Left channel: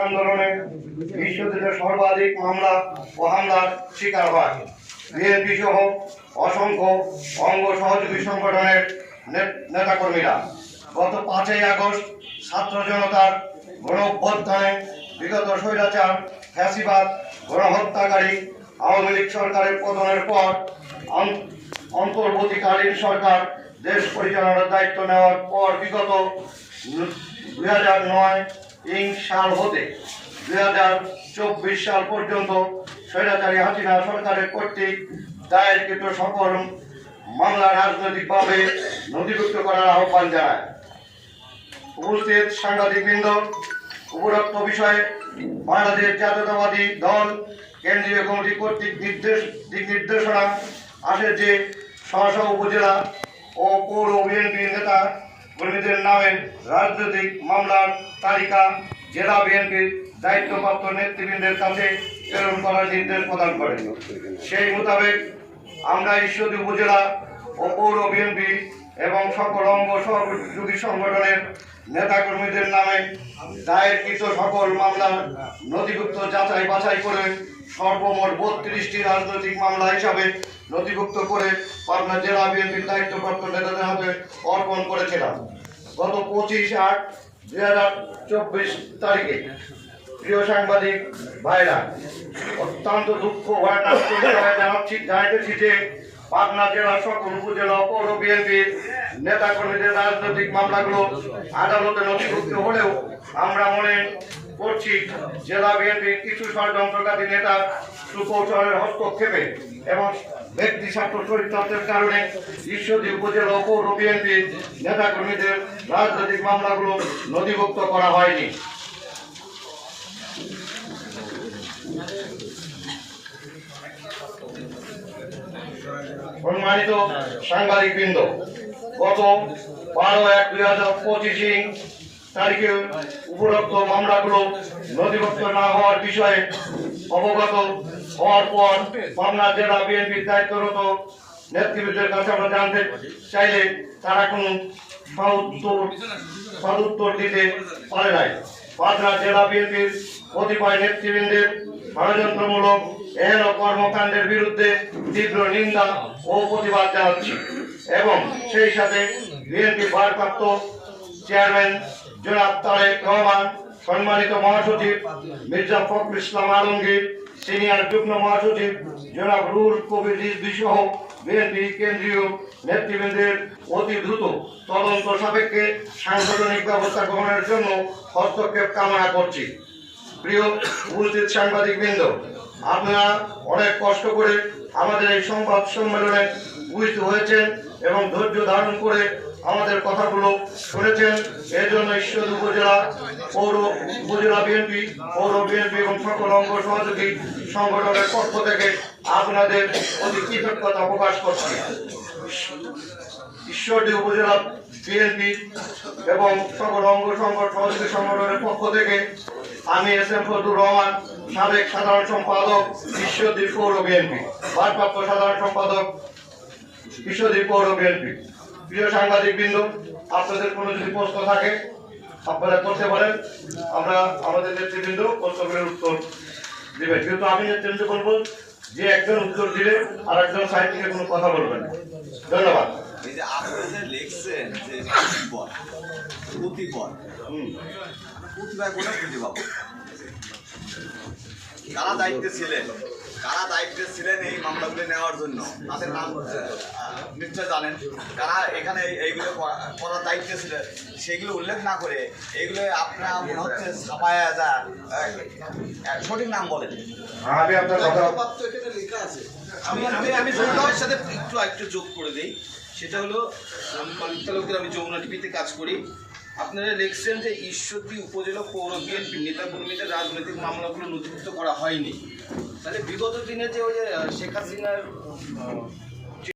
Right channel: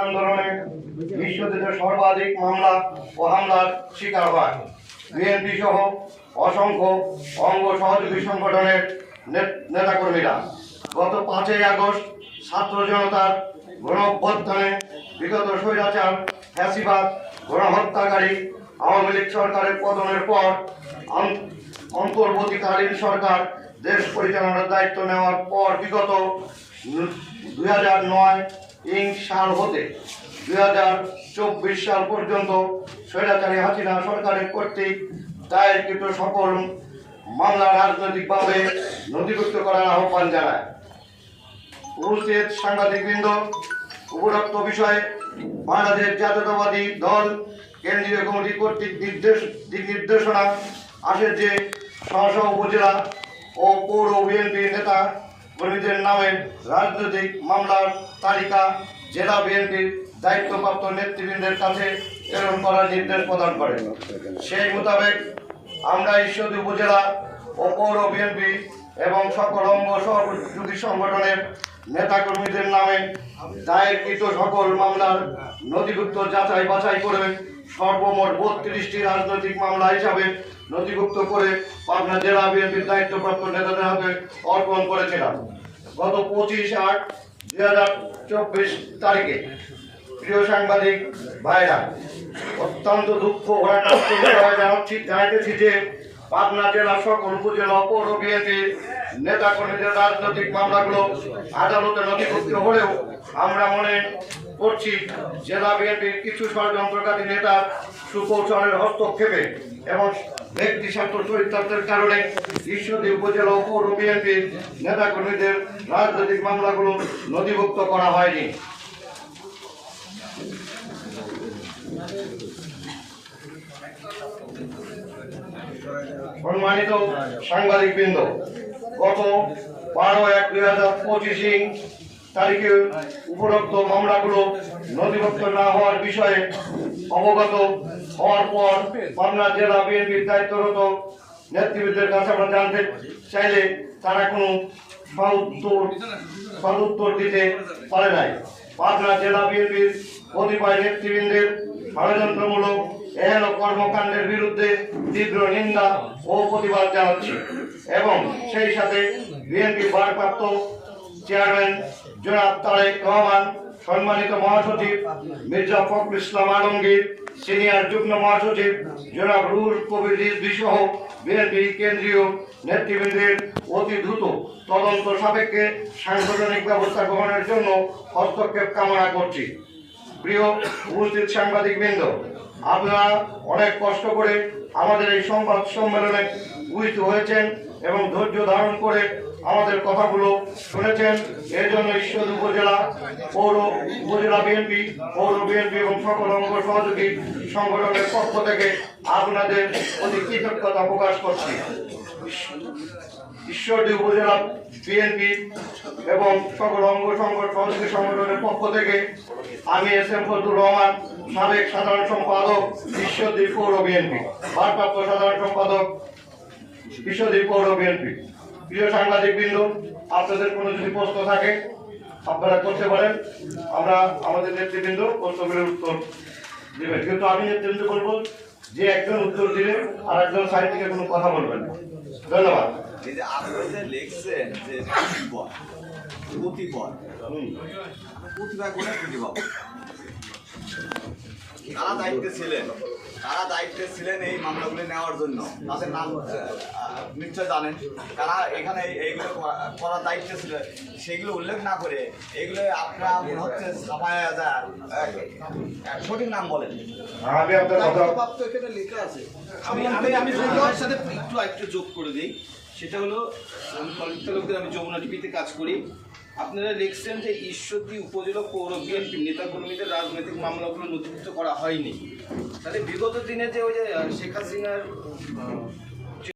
আন্দোলনে বিশ্বজিতে সর্বাধিক মামলা ও হামলার শিকার হয়। বিএনপি সহ অসংখ্য অঙ্গ সহযোগী সংগঠনের নেতাকর্মীরা গত পাঁচই আগস্ট ছাত্র জনতার গণ বিগত স্বৈরাচার, ফ্যাসিবাদ, গণহত্যাকারী, আওয়ামী লীগ সরকারের পতনের পর অন্তর্বর্তীকালীন সরকার দেশ পরিচালনার দায়িত্ব নেওয়ার পর বিগত দুই হাজার নয় ইং সাল হতে দুই হাজার চব্বিশ সাল পর্যন্ত স্বৈরাচারী হাসিনা সরকারের কর্তৃক দায়েরকৃত সকল মামলা রাজনৈতিকভাবে নথিভুক্ত করার আহ্বান জানায়। উপস্থিত সাংবাদিকবৃন্দ, উপরোক্ত বিষয়ে বাংলাদেশ জাতীয়তাবাদী দল, কেন্দ্রীয় কমিটি কর্তৃক নির্দেশ দিক নির্দেশনা আসে যে স্ব উপজেলা ও পৌর বিএনপি নেতা কর্মীদের নামে রাজনৈতিক মামলার তালিকা জেলা বিএনপির দায়িত্বপ্রাপ্ত নেতৃবৃন্দের কাছে প্রেরণ করার নির্দেশ প্রদান করেন। সেই মোতাবেক আমরা ঈশ্বরদী উপজেলা ও পৌর বিএনপি এবং সকল অঙ্গ সহযোগী সংগঠনের নেতাকর্মীদের নামে দায়েরকৃত সকল মামলার নথিভুক্ত যাচাই বাছাই করে সর্বমোট বত্রিশটি রাজনৈতিক মামলা হিসাবে নথিভুক্ত করে পাবনা জেলা বিএনপির দায়িত্বপ্রাপ্ত নেতাদের হাতে অর্পণ করেছিলাম গত পঁচিশ আট দুই হাজার চব্বিশ তারিখে প্রিয় সাংবাদিক ভাইরা, অত্যন্ত দুঃখ জানাচ্ছি জানাইতেছি যে পাবনা জেলা সকল উপজেলা পৌর বিএনপির নেতা কর্মীদের রাজনৈতিক মামলাগুলো আদালতে নথিভুক্ত হলেও আমরা মনে করছি জেলা বিএনপির কিছু ষড়যন্ত্রকারী নেতার সুকৌশলের হস্তক্ষেপে এবং ব্যক্তি স্বার্থ চরিত্রের কারণে ঈশ্বরদী উপজেলা পৌর বিএনপির নেতা কর্মীদের রাজনৈতিক মামলাগুলো নথিভুক্ত করা হয়নি। সম্মানিত সাংবাদিক বৃন্দ গত বারো এক দুই হাজার পঁচিশে তারিখে উপলব্ধ মামলাগুলো নথিভুক্ত না হওয়ার বিষয়ে অবগত হওয়ার পর পাবনা জেলা বিএনপির দায়িত্বরত নেতৃবৃন্দের কাছে আমরা জানতে চাইলে তারা কোনো সউত্তর সদুত্তর দিতে পারে নাই। পাবনা জেলা বিএনপির কতিপয় নেতৃবৃন্দের ষড়যন্ত্রমূলক এহেন কর্মকাণ্ডের বিরুদ্ধে তীব্র নিন্দা ও প্রতিবাদ জানাচ্ছি। এবং সেই সাথে বিএনপি ভারপ্রাপ্ত চেয়ারম্যান জনাব তারেক রহমান, সম্মানিত মহাসচিব মির্জা ফখরুল ইসলাম আলমগীর, সিনিয়র যুগ্ম মহাসচিব জনাব রুহুল কবির রিজভী সহ বিএনপি কেন্দ্রীয় নেতৃবৃন্দের অতি দ্রুত তদন্ত সাপেক্ষে সাংগঠনিক ব্যবস্থা গ্রহণের জন্য হস্তক্ষেপ কামনা করছি। প্রিয় সাংবাদিক বৃন্দ, আপনারা অনেক কষ্ট করে আমাদের এই সংবাদ সম্মেলনে উপস্থিত হয়েছেন এবং ধৈর্য ধারণ করে আমাদের কথাগুলো শুনেছেন। এর জন্য ঈশ্বর উপজেলা, পৌর উপজেলা বিএনপি, পৌর বিএনপি এবং সকল অঙ্গ সহযোগী সংগঠনের পক্ষ থেকে আপনাদের অতি কৃতজ্ঞতা প্রকাশ করছি। ঈশ্বরদী উপজেলা বিএনপি এবং সকল অঙ্গ সহযোগী সংগঠনের পক্ষ থেকে আমি এস এম ফজলুর রহমান, সাবেক সাধারণ সম্পাদক ঈশ্বরদী পৌর বিএনপি, ভারপ্রাপ্ত সাধারণ সম্পাদক বিশ্বদীপ পৌর বিএনপি। প্রিয় সাংবাদিক বৃন্দ, আপনাদের কোনো যদি প্রশ্ন থাকে, আপনারা করতে পারেন। আমরা আমাদের নেতৃবৃন্দ প্রশ্নগুলোর উত্তর দেবেন। কিন্তু আমি নেতৃবৃন্দ বলব, যে একজন উত্তর দিলে আর একজন সাইড থেকে কোনো কথা বলবেন না। ধন্যবাদ। এই যে আপনি যে লিখছেন যে দায়িত্বে ছিলেন? কারা দায়িত্বে ছিলেন এই মামলাগুলি নেওয়ার জন্য তাদের নাম নিশ্চয় জানেন কারা এখানে এইগুলো করা- করার দায়িত্বে ছিলেন সেগুলো উল্লেখ না করে এগুলো আপনার মনে হচ্ছে সবাই সঠিক নাম বলেন। আমি আমি আমি আমি সাথে একটু একটু যোগ করে দিই। সেটা হলো আমি আমি যমুনা টিভিতে কাজ করি। আপনারা দেখছেন যে ঈশ্বরদী উপজেলা পৌর বিএনপি নেতাকর্মীদের রাজনৈতিক মামলাগুলো নথিভুক্ত করা হয়নি। তাহলে বিগত দিনে যে ওই যে শেখ হাসিনার